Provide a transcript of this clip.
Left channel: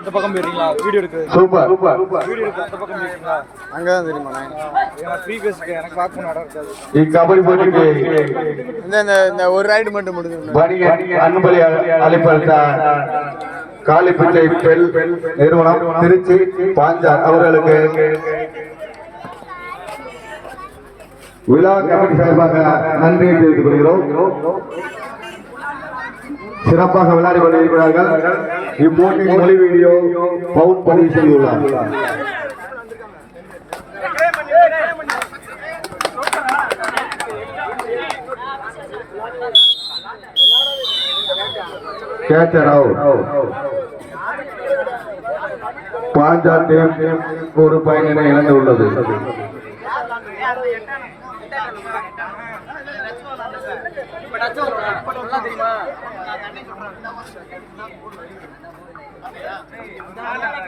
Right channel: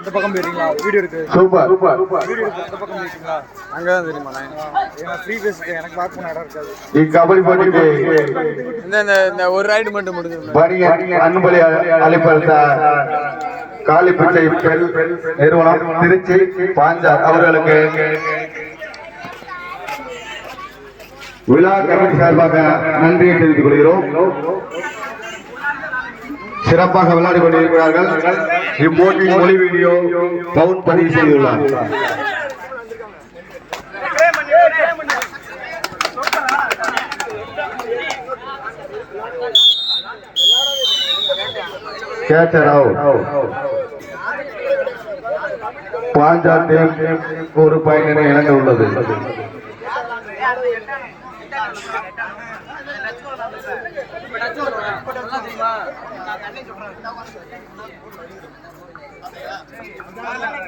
இந்த பக்கம் போயிருக்கீங்களா வீடியோ எடுக்க? சூப்பர் வீடியோ எடுக்க அந்த பக்கம் போயிருக்கீங்களா? அங்கதான் தெரியுமாண்ணே. ஃப்ரீ பேஸ்க்கு எனக்கு பார்க்கணும் இடம் இருக்காது. இக்கபடி போட்டிக்கு இந்த ஒரு ரைடு மட்டும் முடிஞ்சு வணிக அன்பளி அழைப்பளித்த காளிப்பிச்சை பெல் நிறுவனம் திருச்சி பாஞ்சார் அவர்களுக்கு விழா கமிட்டி சார்பாக நன்றியை தெரிவித்துக் கொள்கிறோம். சிறப்பாக விளையாடி கொண்டிருக்கிறார்கள். இப்போட்டி மொழி வீடியோ பவுன் பதிவு செய்துள்ளார். Catcher out. பாஞ்சார் டீம் ஒரு பயனினை இழந்து உள்ளது.